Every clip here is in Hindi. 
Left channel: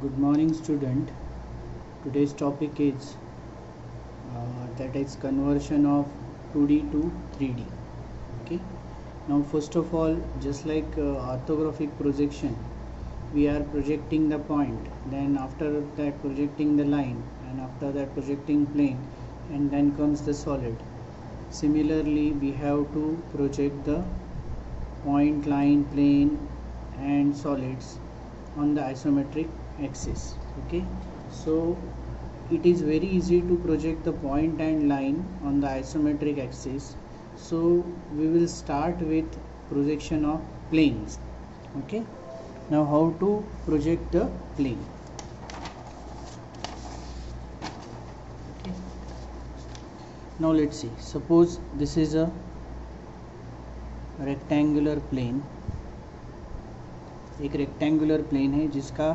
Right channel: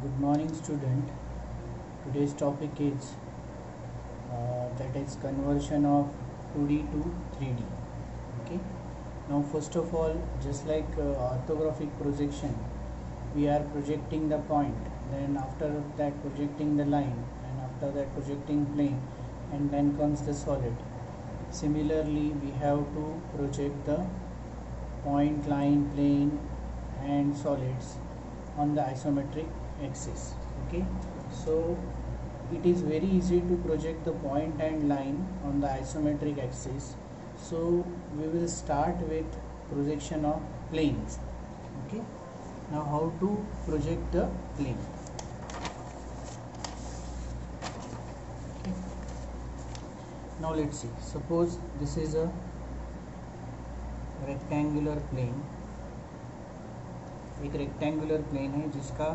Good morning, student. Today's topic is that is conversion of 2D to 3D. Okay. Now, first of all, just like orthographic projection, we are projecting the point. Then after that, projecting the line, and after that, projecting plane, and then comes the solid. Similarly, we have to project the point, line, plane, and solids on the isometric axis. Okay, so it is very easy to project the point and line on the isometric axis. So we will start with projection of planes. Okay, now how to project the plane. Okay. Now let's see, suppose this is a rectangular plane. एक रेक्टेंगुलर प्लेन है जिसका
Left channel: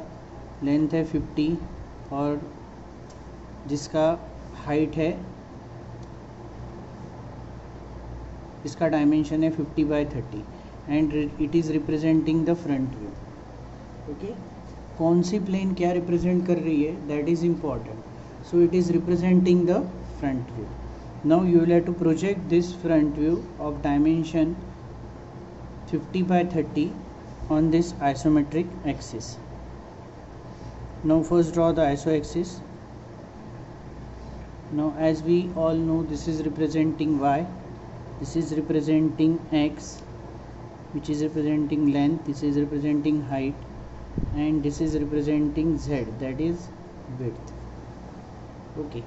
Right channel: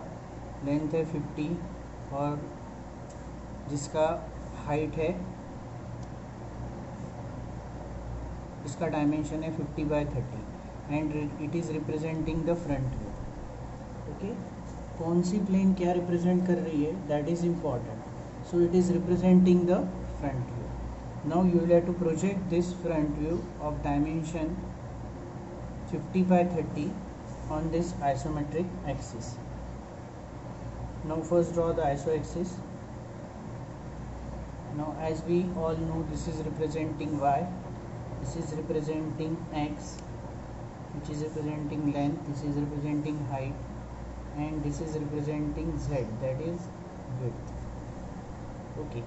लेंथ है 50 और जिसका हाइट है, इसका डायमेंशन है 50/30 and it is representing the front view. Okay, कौन सी प्लेन क्या रिप्रेजेंट कर रही है, that is important. So it is representing the front view. Now you will have to project this front view of dimension 50/30 on this isometric axis. Now first draw the iso axis. Now as we all know, this is representing y, this is representing x, which is representing length, this is representing height, and this is representing z, that is width. Okay,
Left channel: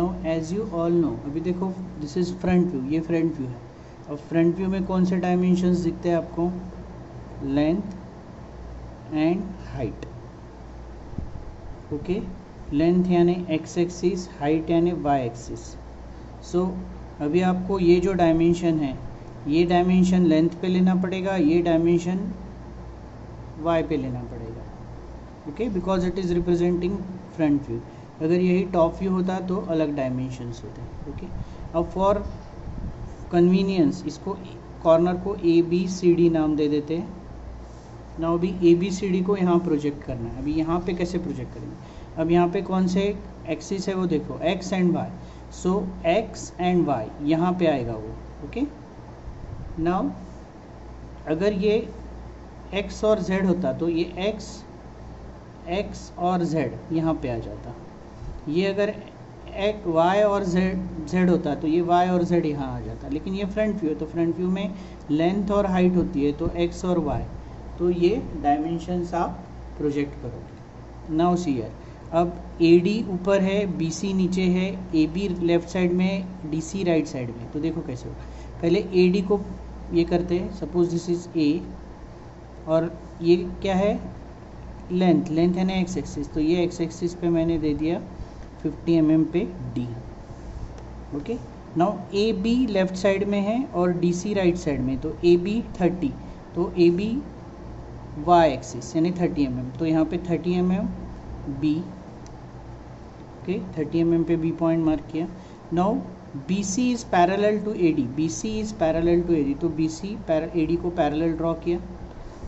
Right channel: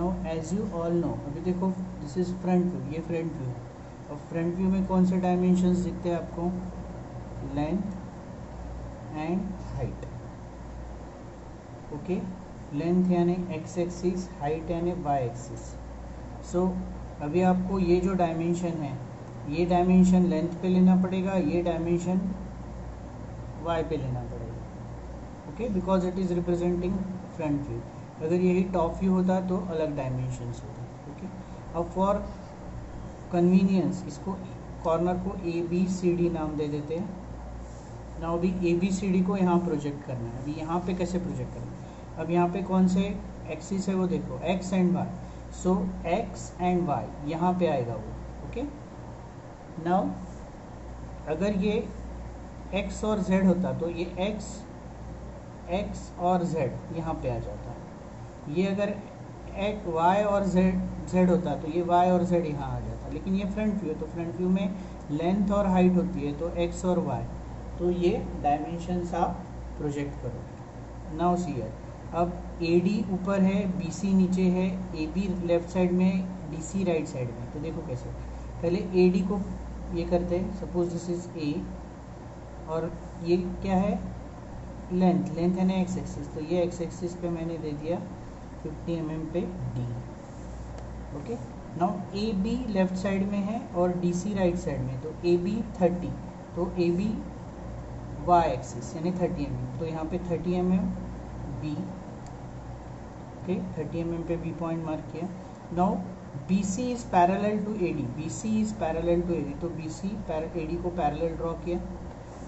now as you all know, अभी देखो this is front view, ये front view है. अब front view में कौन से dimensions दिखते हैं आपको, length and height. Okay, length यानी एक्स एक्सिस, हाइट यानी वाई एक्सिस. सो अभी आपको ये जो डायमेंशन है, ये डायमेंशन लेंथ पे लेना पड़ेगा, ये डायमेंशन वाई पे लेना पड़ेगा. Okay, because it is representing front view. अगर यही टॉप व्यू होता तो अलग डायमेंशंस होते. ओके, अब फॉर कन्वीनियंस इसको कॉर्नर को ABCD नाम दे देते हैं. ना अभी ABCD को यहाँ प्रोजेक्ट करना है. अभी यहाँ पे कैसे प्रोजेक्ट करना है, अब यहाँ पे कौन से एक्सिस है वो देखो, x and y. So x and y यहाँ पे आएगा वो. ओके, नाउ अगर ये x और z होता तो ये x और z यहाँ पे आ जाता. ये अगर y और z होता तो ये y और z यहाँ आ जाता. लेकिन ये फ्रंट व्यू है तो फ्रंट व्यू में लेंथ और हाइट होती है, तो x और y, तो ये डायमेंशंस आप प्रोजेक्ट करोगे. नाउ सी हियर, अब AD ऊपर है, BC नीचे है, AB लेफ्ट साइड में, DC राइट साइड में. तो देखो कैसे हो, पहले AD को ये करते हैं. सपोज दिस इज A और ये क्या है, लेंथ है ना एक्स एक्सिस, तो ये एक्स एक्सिस पे मैंने दे दिया 50 mm पे D. Okay, now AB left side में है और DC राइट साइड में, तो AB 30, तो AB वाई एक्सिस यानी 30 mm, तो यहाँ पे 30 mm B. ओके, 30 mm पे B पॉइंट मार्क किया. Now BC is parallel to AD, BC is parallel to AD, तो BC AD को पैरेलल ड्रॉ किया.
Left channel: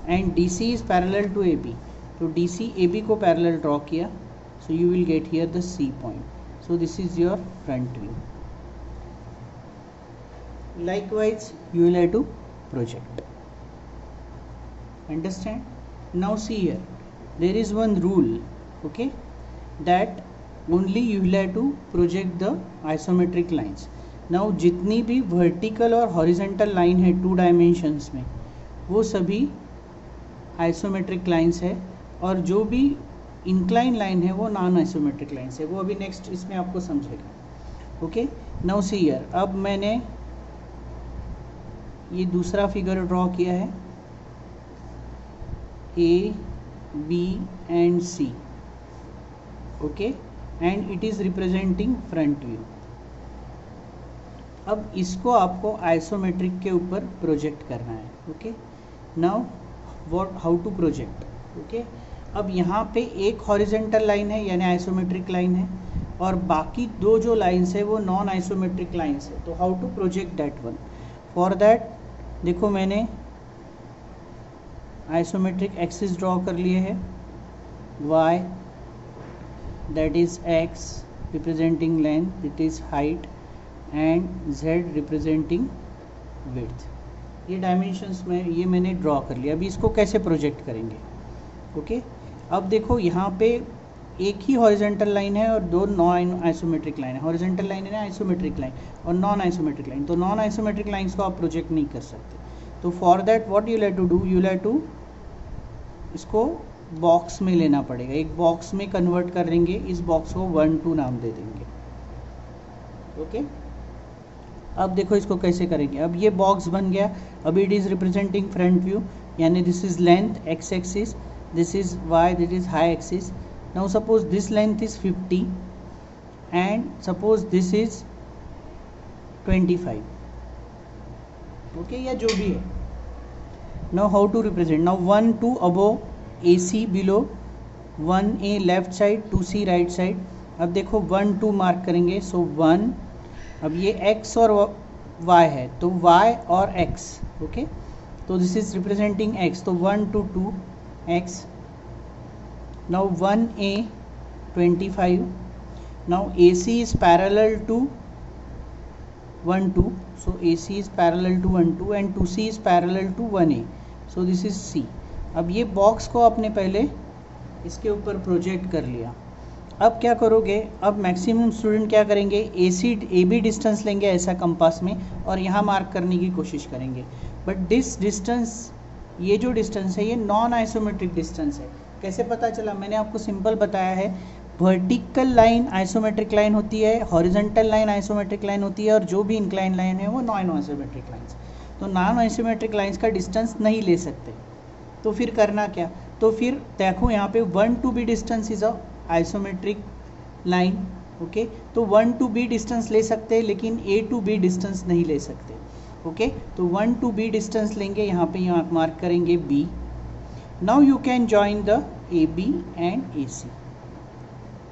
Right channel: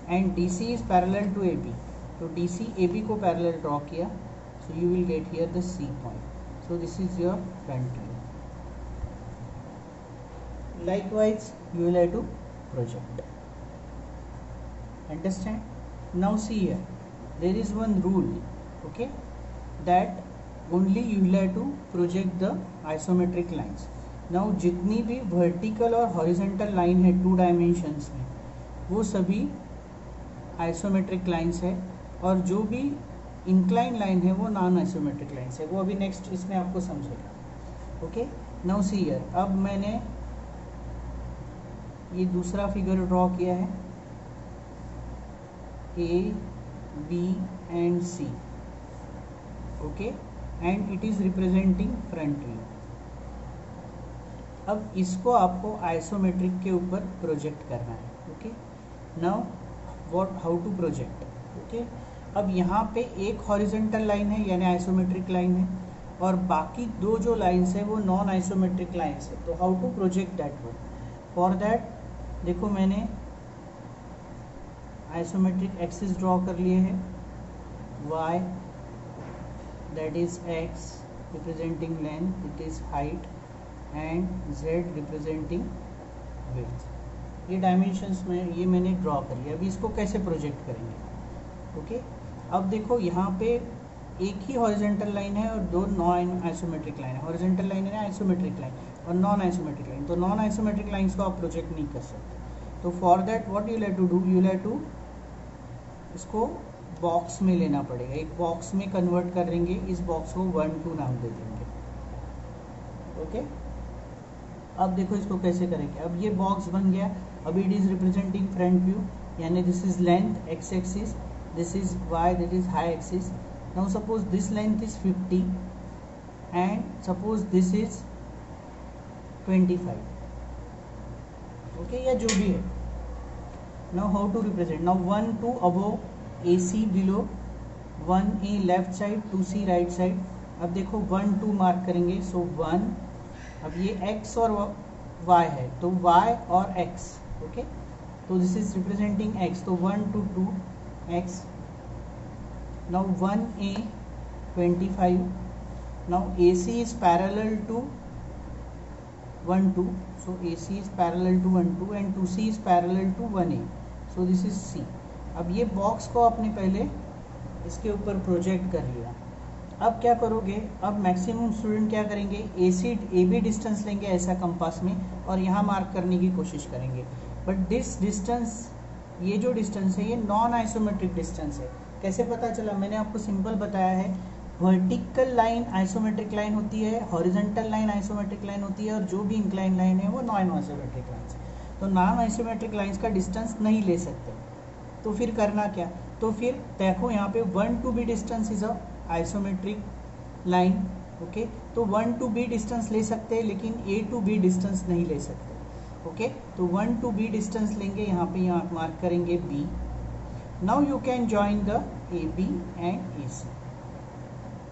And DC is parallel to AB, तो DC AB को पैरेलल ड्रॉ किया. So you will get here the C point. So this is your front view. Likewise you will have to project. Understand? Now see here, there is one rule, okay, that only you will have to project the isometric lines. Now जितनी भी vertical और horizontal line है 2 dimensions में, वो सभी isometric lines है, और जो भी incline line है वो non isometric lines है. वो अभी next इसमें आपको समझेगा. okay, now see here, अब मैंने ये दूसरा फिगर ड्रॉ किया है, A, B and C. Okay, and it is representing front view. अब इसको आपको आइसोमेट्रिक के ऊपर प्रोजेक्ट करना है. Okay, now what, how to project. Okay, अब यहाँ पे एक हॉरिजॉन्टल लाइन है यानी आइसोमेट्रिक लाइन है, और बाकी दो जो लाइंस है वो नॉन आइसोमेट्रिक लाइंस है. तो how to project that one. For that देखो मैंने आइसोमेट्रिक एक्सिस ड्रॉ कर लिए हैं. y, that is x representing length, it is height, and z representing width. ये डायमेंशंस में ये मैंने ड्रॉ कर लिया. अभी इसको कैसे प्रोजेक्ट करेंगे? ओके अब देखो यहाँ पे एक ही हॉरिजेंटल लाइन है और दो नॉन आइसोमेट्रिक लाइन है. हॉरिजेंटल लाइन है आइसोमेट्रिक लाइन और नॉन आइसोमेट्रिक लाइन. तो नॉन आइसोमेट्रिक लाइंस को आप प्रोजेक्ट नहीं कर सकते. तो for that what you have to do, you have to इसको बॉक्स में लेना पड़ेगा. एक बॉक्स में कन्वर्ट कर देंगे. इस बॉक्स को 1 2 नाम दे देंगे. ओके अब देखो इसको कैसे करेंगे. अब ये बॉक्स बन गया. अब it is representing front view, यानी this is length X axis, this is Y, this is high axis. Now suppose this length is 50 and suppose this is 25. Okay या जो भी है. Now how to represent. Now 1 2 above, AC below, 1A left side, 2C right side. अब देखो 1 2 मार्क करेंगे. सो 1, अब ये x और y है तो y और x. ओके तो दिस इज रिप्रेजेंटिंग x. तो 1 2 2 x. Now 1A 25. Now AC is parallel to 1 2. So AC is parallel to 1 2 and 2C is parallel to 1A. So this is C. अब ये बॉक्स को आपने पहले इसके ऊपर प्रोजेक्ट कर लिया. अब क्या करोगे, अब मैक्सिमम स्टूडेंट क्या करेंगे, AB डिस्टेंस लेंगे ऐसा कंपास में और यहाँ मार्क करने की कोशिश करेंगे. बट दिस डिस्टेंस, ये जो डिस्टेंस है ये नॉन आइसोमेट्रिक डिस्टेंस है. कैसे पता चला? मैंने आपको सिंपल बताया है. वर्टिकल लाइन आइसोमेट्रिक लाइन होती है, हॉरिजॉन्टल लाइन आइसोमेट्रिक लाइन होती है और जो भी इंक्लाइन लाइन है वो नॉन आइसोमेट्रिक लाइन्स. तो नॉन आइसोमेट्रिक लाइन्स का डिस्टेंस नहीं ले सकते. तो फिर करना क्या? तो फिर देखो यहाँ पे 1 to B distance is a isometric line. Okay तो 1 to B डिस्टेंस ले सकते हैं लेकिन A to B डिस्टेंस नहीं ले सकते. ओके तो 1 to B डिस्टेंस लेंगे. यहाँ पे यहाँ मार्क करेंगे B. Now you can join the AB and AC.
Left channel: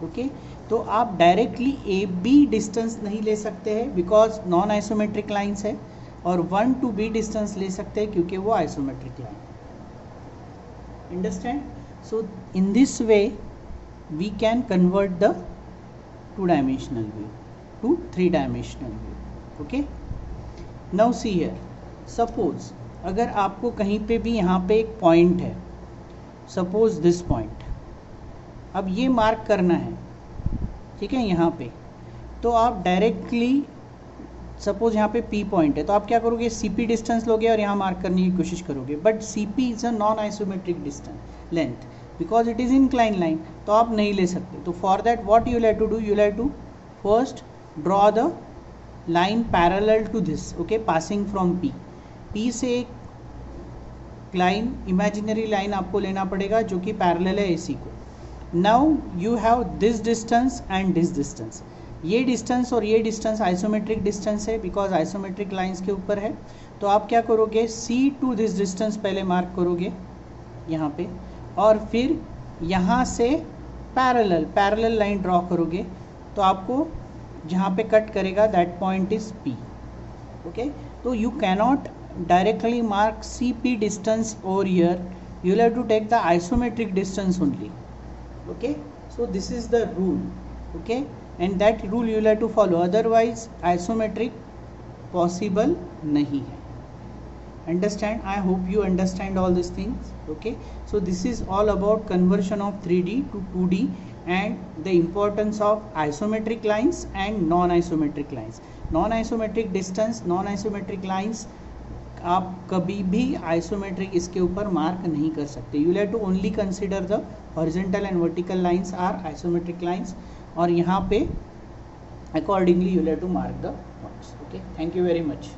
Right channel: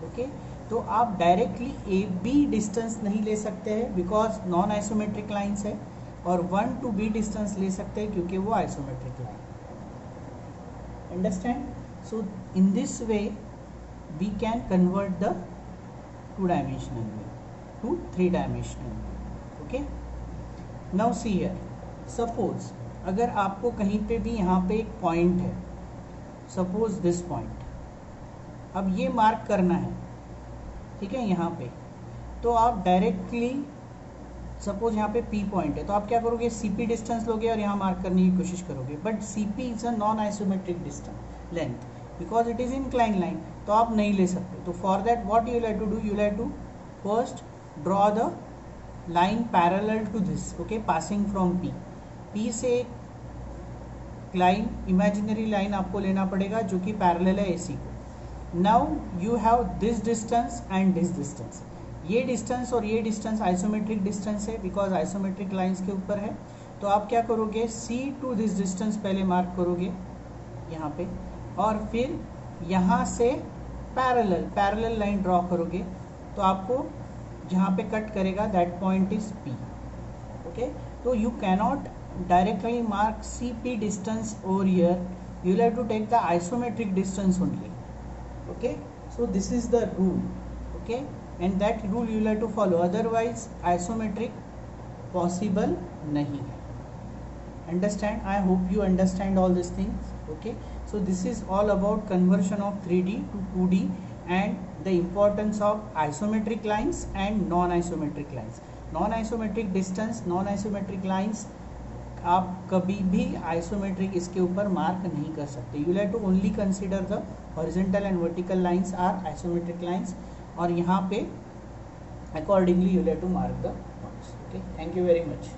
Okay तो आप डायरेक्टली AB डिस्टेंस नहीं ले सकते हैं बिकॉज नॉन आइसोमेट्रिक लाइन्स है, और 1 to B डिस्टेंस ले सकते हैं क्योंकि वो isometric line. Understand? So in this way we can convert the 2-dimensional view to 3-dimensional view. Okay? Now see here. Suppose अगर आपको कहीं पे भी यहाँ पे एक पॉइंट है, सपोज दिस पॉइंट, अब ये मार्क करना है. ठीक है यहाँ पे तो आप डायरेक्टली सपोज यहाँ पे P पॉइंट है तो आप क्या करोगे, CP डिस्टेंस लोगे और यहाँ मार्क करने की कोशिश करोगे. But CP is a non isometric distance length because it is incline line, तो आप नहीं ले सकते. तो for that what you have to do, you have to first draw the line parallel to this. Okay passing from P से एक लाइन, इमेजिनरी लाइन आपको लेना पड़ेगा जो कि पैरेलल है AC को. Now you have this distance and this distance. ये डिस्टेंस और ये डिस्टेंस आइसोमेट्रिक डिस्टेंस है बिकॉज आइसोमेट्रिक लाइंस के ऊपर है. तो आप क्या करोगे, C to दिस डिस्टेंस पहले मार्क करोगे यहाँ पे और फिर यहाँ से पैरेलल लाइन ड्रॉ करोगे. तो आपको जहाँ पे कट करेगा that point is P. Okay तो you cannot directly mark CP distance over here, you have to take the isometric distance only. Okay so this is the rule. Okay and that rule you will have to follow, otherwise isometric possible nahi hai. Understand? I hope you understand all these things. Okay so this is all about conversion of 3D to 2D and the importance of isometric lines and non-isometric lines. Non-isometric distance, non-isometric lines आप कभी भी आइसोमेट्रिक इसके ऊपर मार्क नहीं कर सकते. You have to only consider the horizontal and vertical lines are isometric lines और यहाँ पे accordingly you have to mark the box. Okay thank you very much.